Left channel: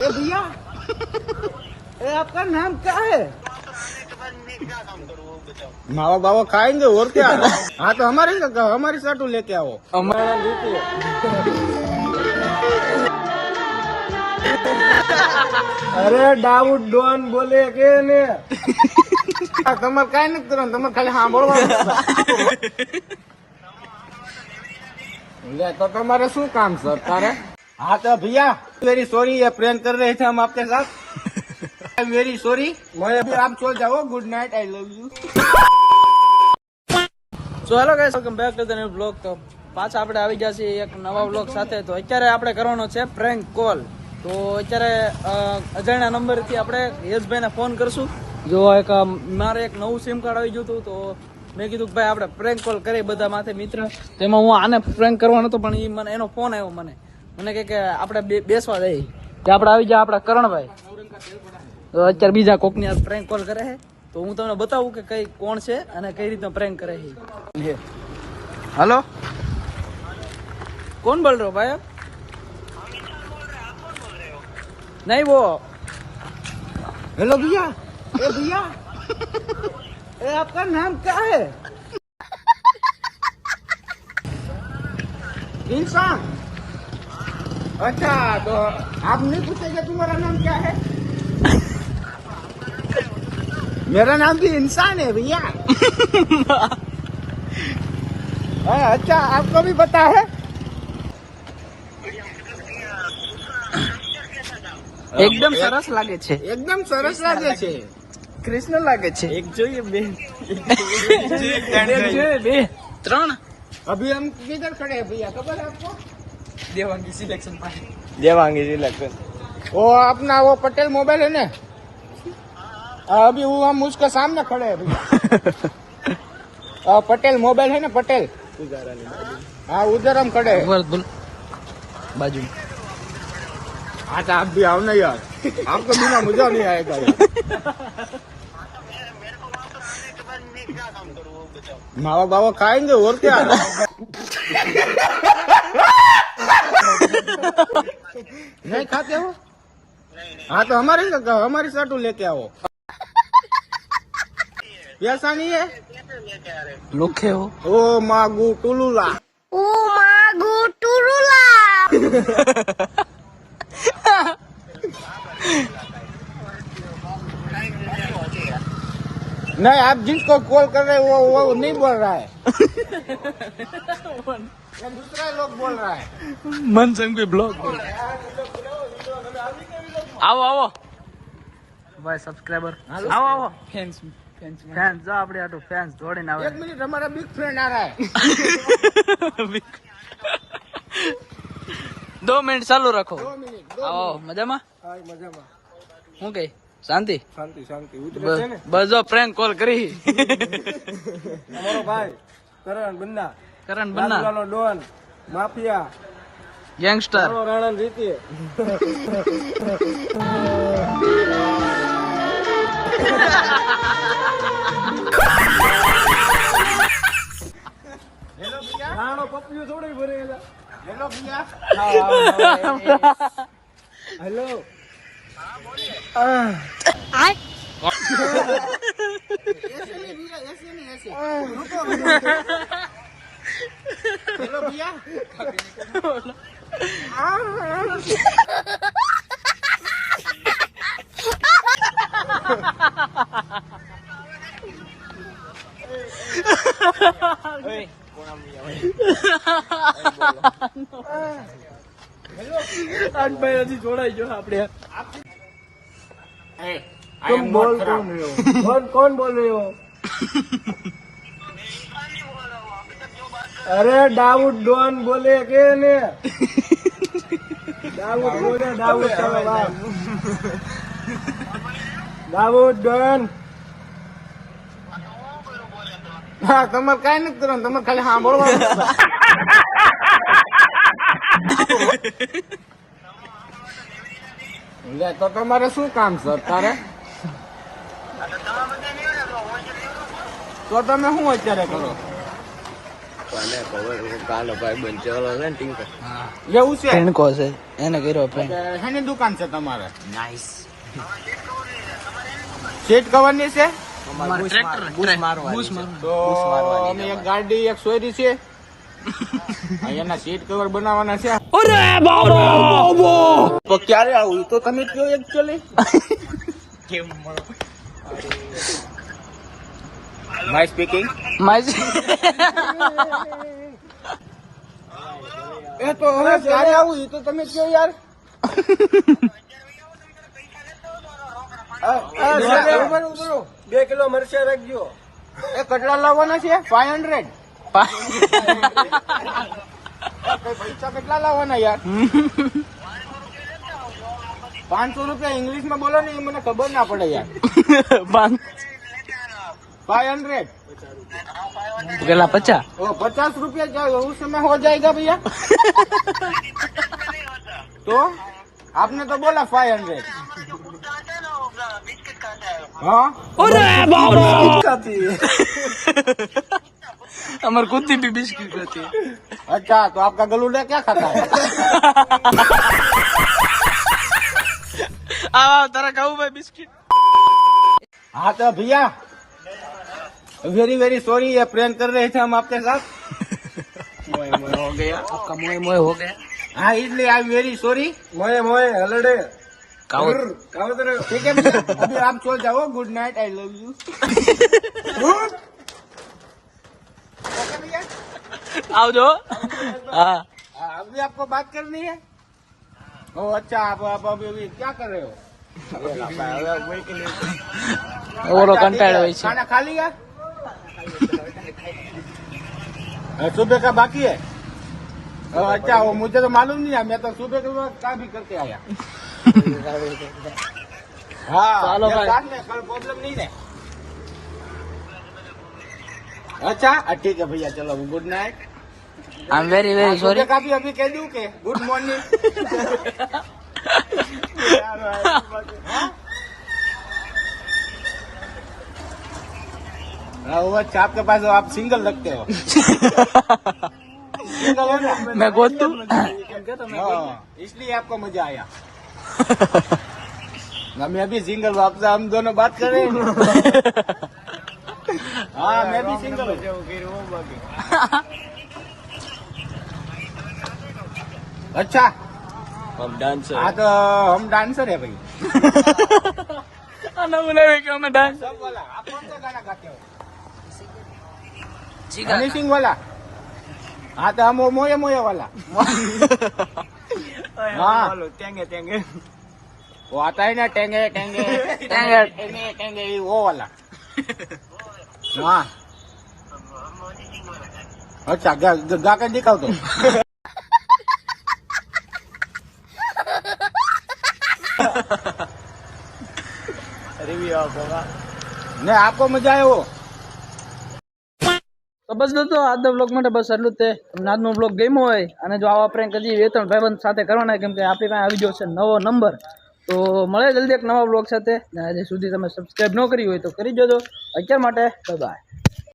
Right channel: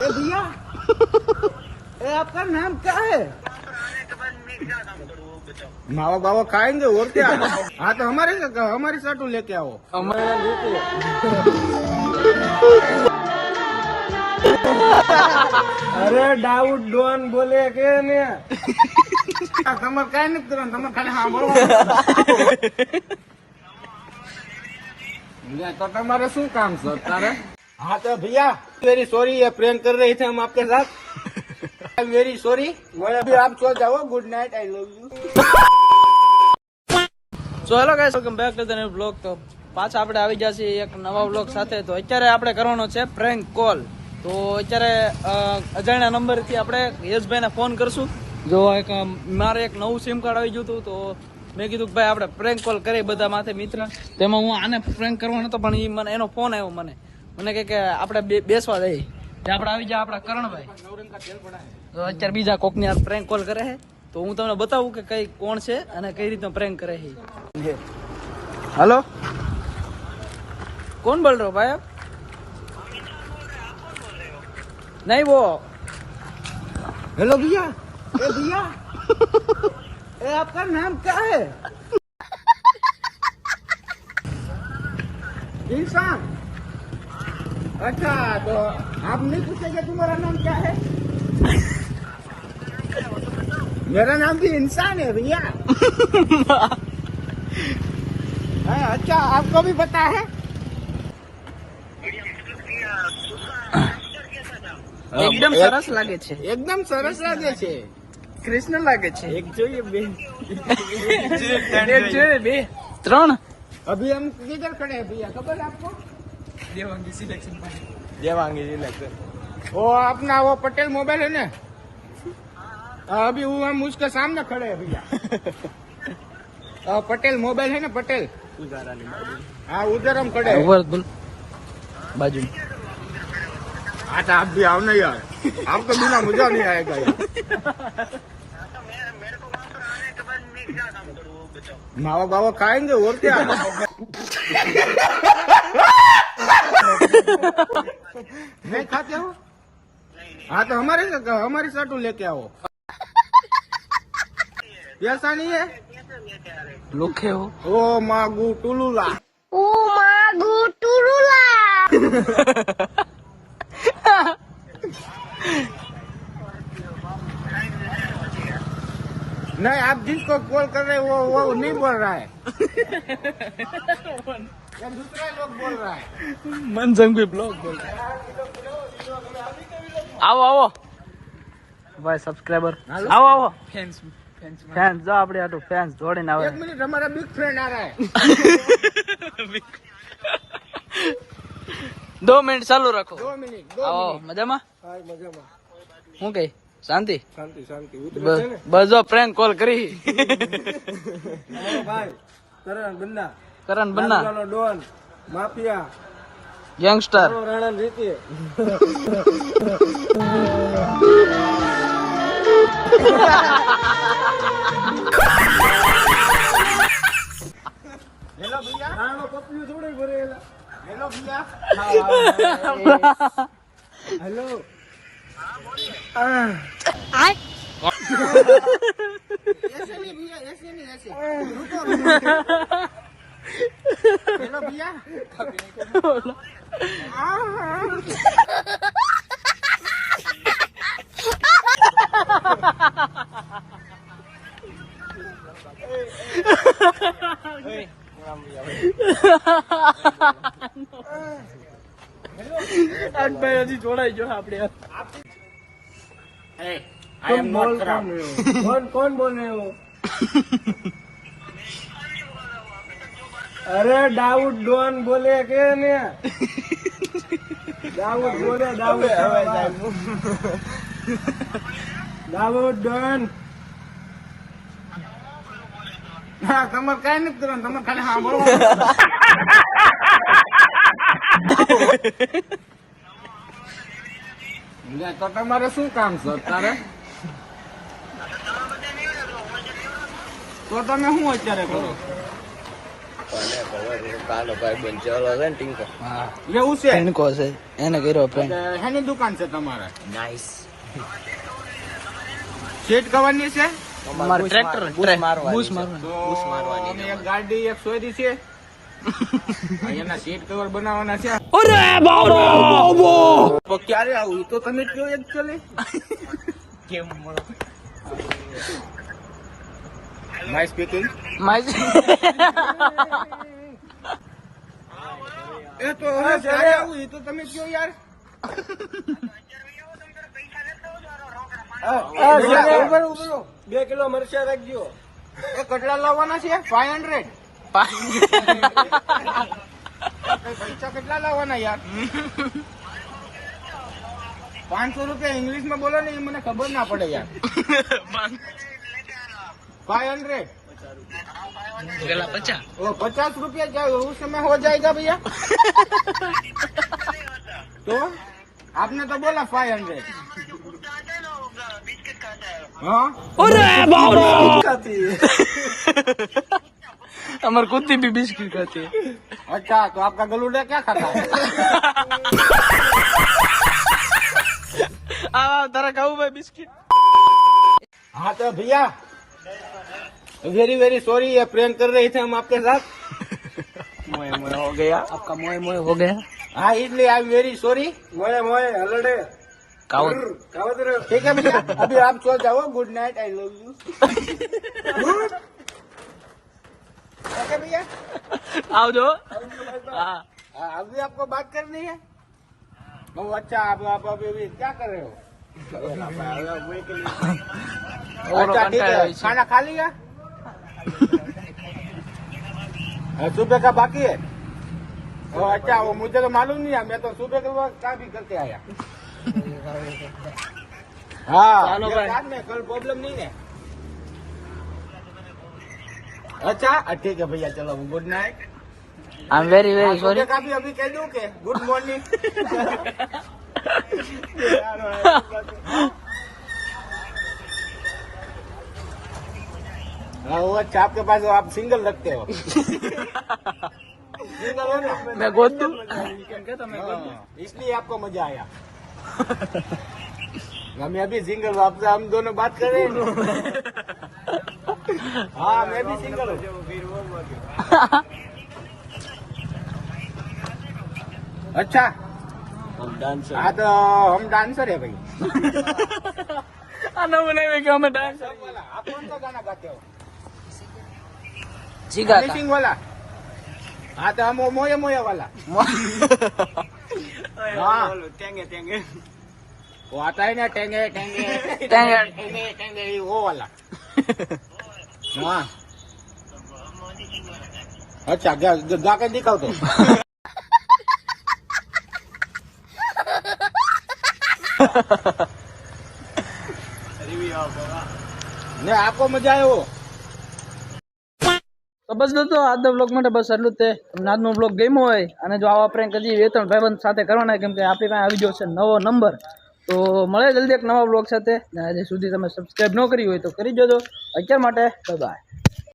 भैया आपका नाम क्या है? मावा बावा खाएंगे और क्या? हाँ तो हमारी साटू लेके आओ। अरे दाऊद डॉन बोले के ने તમારે કઈ નથી કરવાનું, તમે ખાલી સાંભળવાનું। तो तुम्हारे शू काम सर तारे? हाँ तो भैया वेरी सॉरी, ये प्रैंक कर रहे थे हम आपके साथ। वेरी सॉरी, अभी आप सो जाओ। Good night, I love you. So hello guys, welcome back to the new blog. તો પાછા આપણે આવી ગયા છીએ એક નવા બ્લોગ સાથે। તો અત્યારે આપણે કરવાનો છે પ્રેન્ક કોલ। તો અત્યારે અજાણ્યા નંબરથી આપણે યશભાઈને ફોન કરશું। જો મારે એક નવું સિમ કાર્ડ આવી ગયું હતું, તો મેં કીધું કે ભાઈ આપણે પ્રેન્ક કોલ કરીએ બધા માથે મિત્ર। તેમાં હું આને પ્રેન્ક કરવાનો હતો, પણ મને એનો ફોન આવ્યો, મને કહે કે આપણે બેસવા જઈએ। તે આપણે આવી જાય આપણા કરણભાઈ। તો અત્યારે બીજા કોકની આ પ્રેન્ક કોલ કરે છે, તો હું તમને બતાવું કે કઈ કોણ છે અને કઈ રીતના પ્રેન્ક કરે છે। हेलो, कौन बोल रहे हो भाई आप? नहीं वो हेलो भैया, भैया आपका नाम क्या है? इंसान। अच्छा, तो आप नहीं पूछेंगे तुम्हारा नाम क्या है? मेरा नाम भी इंसान है भैया। अच्छा, आपको भी पता है? एकदम सरस लागे छे, एकदम सरस लागे छे, कृष्ण लागे छे। एक જોઈએ બે, एक જોઈએ બે ત્રણ। अभी हम किधर खड़े हैं भैया, खबर है आपको? देवांगी सिलेक्शन। वो अपना वो पटेल मोबाइल है ना, अभी वो हम उसके सामने खड़े हैं भैया। पटेल मोबाइल है ना, पटेल। हाँ, उधर हम खड़े हैं। ऊपर बोल, बाजू में। अच्छा, आप भी आओ ना यार, आपको बिना मजा नहीं आएगा यार। मावा बावा खाएंगे और क्या? नहीं खाते हो? हाँ तो हमारी साटू लेके आओ। ऐसा नहीं है? लोखे हो? ओ मागू टुलुला। नहीं, आप जिसको कॉल कर रहे हो वो नहीं बोल रहा है। ये दूसरा लोग बोल रहा है। मन संग भी ब्लॉग बोल रहे। आओ आओ भाई सब्सक्राइबर, आओ आओ फैंस जो આપણે આટો ફેન્સ જોડીને આવે। एक मिनट, हमारा बिग फ्रेंड आ रहा है। 2 મિનિટ ચાલુ રાખો। 2 મિનિટ। આવો મજામાં? હા, મજામાં। હું કઈ શાંતિ? શાંતિ શાંતિ। બસ જો પ્રેન્ક કોલ કરી। અમારો ભાઈ કરણ Banna Don mafia youngster Rana રીતિ। રાણો પપ્પીઓ થોડી ભરેલા। હેલો ભૈયા। હેલો। ऐसे नहीं भैया, ऐसे नहीं, ऐसे रुको। हेलो भैया। આજ ભાઈ હજી જોડાઈ ગયો આપણે। तुम बोल कौन रहे हो? कौन बोल रहे हो? अरे दाऊद डॉन बोले के ने दाऊद डॉन। हाँ, તમારે કઈ નથી કરવાનું, તમે ખાલી સાંભળવાનું। તો તમારે શું કામ સર તારે? તો તમે શું અત્યારે કરો? કાલો ભાઈ બન ચલો છે ને ટિંકો. હા એવું છે. ટિંકો છે એને કર્યો પ્રેન્ક. હેની દુકાન છે તમારે? નાઈસ. સીટ કવર ની છે? અમાર ટ્રેક્ટર બૂસ મારવાની. તો અમે એક ગાડી એક સોયરી છે. એના સીટ કવર બનાવવાના છે. અરે બાબો તો ક્યારે આવું તો તમે કયો એકચ્યુઅલી. કેમ માય સ્પીકિંગ. એ તો હવે ક્યારે આવું એ તો તમે કયો યાર. બે કિલો મરચા રાખજો. એ કેટલા લાવવાના છે? 500. પૈસા કેટલા લાવવાના યાર? 500 રૂપિયા ઇંગ્લિશ માં બોલો ને એ મને ખબર ના પડે યાર. 500 પેલા 50. ओ 50 रुपया जाए उस समय हो जाएगा भैया. तो आपने तो बोला 500. हाँ अरे बाबा हमारे कुत्ते भी बिस्किट खाती है. अच्छा तो आपका गलूडा क्या खाता है? तारा खाऊ भाई बिस्किट. हाँ तो भैया वेरी वेरी सॉरी ये प्रैंक कर रहे थे हम आपके साथ. मोए मोए हो गया आपका. मोए मोए हो गया. हाँ इसलिए आई एम वेरी सॉरी. मोए मोए हलड़े कावत ठीक है भैया अभी आप चल जाओ. Good night I love you. Okay भैया आओ जो. हाँ अभी आपको बात करनी है. ओ अच्छा आप अभी क्या कर रहे हो? ओरो कंटाळो હોય છે. खाना खा लिया? सुबह का बाकी है. अच्छा वो मुझे तो मालूम नहीं है. मैं तो सुबह के काम भी करके आया. हाँ चलो भाई. कोई प्रॉब्लम नहीं है. अच्छा ठीक है भैया चलो good night. I am very very sorry. का भी अभी कह दूं के गुड मॉर्निंग. हाँ वो अच्छा आपके पास आप सिंगल लगते हो. सिंगल हो ना. मैं गोद दूं. हाँ, इसलिए आपको मजा आया. मैं भी सिंगल हूँ. आपसे हम दोनों बात कर रहे हैं ना. हाँ मैं भी सिंगल हूँ. अच्छा हाँ तो हम डांसर है भाई. आना बोले कि हमें डांस सब वाला आप कौन सा गाना गाते हो? सीखा मिसिंग वाला. हाँ तो हम वो मोये मोये वाला. हाँ वो आता है ना टेंगे टेंगे टेंगे. टेंगे टेंगे वो वाला. हाँ अच्छा गा कर दिखाओ तो. ને આપકો મજા આવ્યો. તો બસ દોસ્તો આજનો બ્લોગ માટે બસ એટલું જ તે. તમને આજનો બ્લોગ ગમ્યો હોય અને જો આવા પ્રેન્ક હજી 2-3 ભાઈબંધ સાથે કરવાના કેમ કે આપણી પાસે આવી ગયો છે નવો નંબર. તો મળે જલ્દી એક નવા બ્લોગ સાથે. હજી સુધી તમે સબસ્ક્રાઈબ ન કરી હોય તો કરી દેજો. અત્યાર માટે બાય બાય.